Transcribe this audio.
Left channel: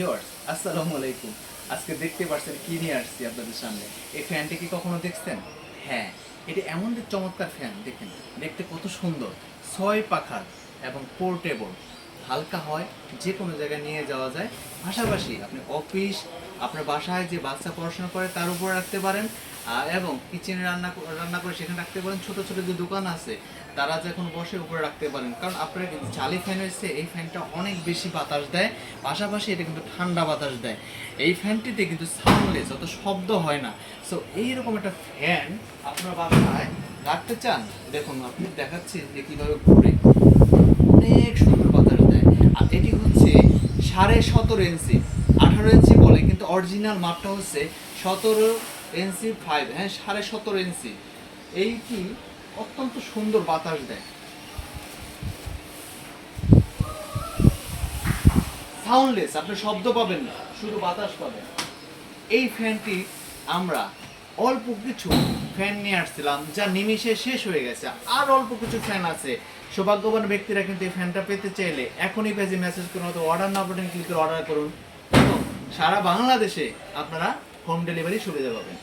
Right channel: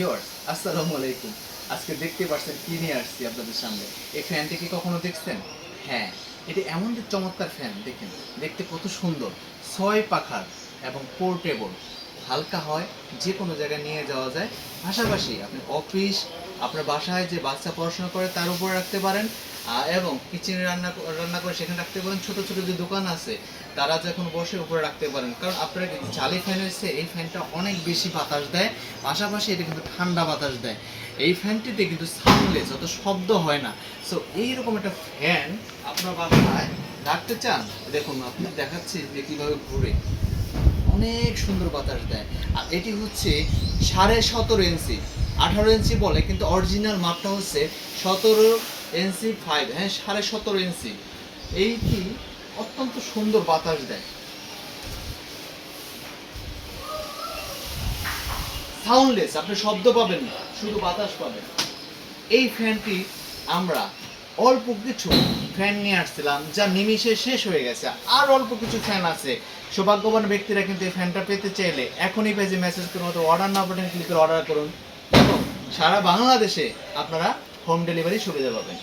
Viewers আসসালামু আলাইকুম। আজকে দেখতে পাচ্ছেন কি নিয়ে আসছি আপনাদের সামনে। এই ফ্যানটি কি কখনো দেখছেন? হ্যাঁ, এটি এমন এক চমৎকার ফ্যান, দেখেন দেখতে কত সুন্দর, 6 পাখার এবং পোর্টেবল, হালকা হয়, যে কোনো জায়গায় নিয়ে যাওয়া যায়। পাশাপাশি আপনি অফিস, আপনার বাসায় যে বাচ্চা পড়াশোনা করে তার উপরে রাখতে পারেন, এবং কিচেনে রান্না করে সেখানে রাখতে পারেন। ছোট ছোট যে দোকান আছে তারা যখন বসে উপরে রাখতে পারেন, কারণ আপনারা কিন্তু চালি ফ্যান হয়েছে, এই ফ্যানটা অনেক বেশি বাতাস দেয়, পাশাপাশি এটা কিন্তু ঠান্ডা বাতাস দেয়। এই ফ্যানটিতে কিন্তু সাউন্ডলেস, অত শব্দ হয় না। সো এইরকম একটা ফ্যান আপনার বাসায় রাখতে চান, দেখুন আপনি দেখাচ্ছি যে কীভাবে ঘুরে, অনেক সুন্দর বাতাস দেয়। আর এটি হচ্ছে 17.5 ইঞ্চি, 18 ইঞ্চি বলে কিন্তু অরিজিনাল মাপটা হচ্ছে 17 ইঞ্চি 5, হ্যাঁ 17.5 ইঞ্চি। এইটি অত্যন্ত সুন্দর বাতাস দেয়, সাউন্ডলেস, আপনি শব্দ পাবেন না, শুধু বাতাস পাবেন। এই ফ্যানটি আমরা অল্প কিছু ফ্যান নিয়ে আসছিলাম, যা নিমিষে শেষ হয়ে গেছে। আর অল্প কিছু ফ্যান আছে। সৌভাগ্যবান ব্যক্তিরা কিন্তু এই ফ্যানটা পেতে চাইলে এখনই পেজে মেসেজ করুন, অথবা অর্ডার নাও বাটন ক্লিক করে অর্ডার করুন, এবং সারা বাংলাদেশে আপনারা হোম ডেলিভারি সুবিধা পাবেন।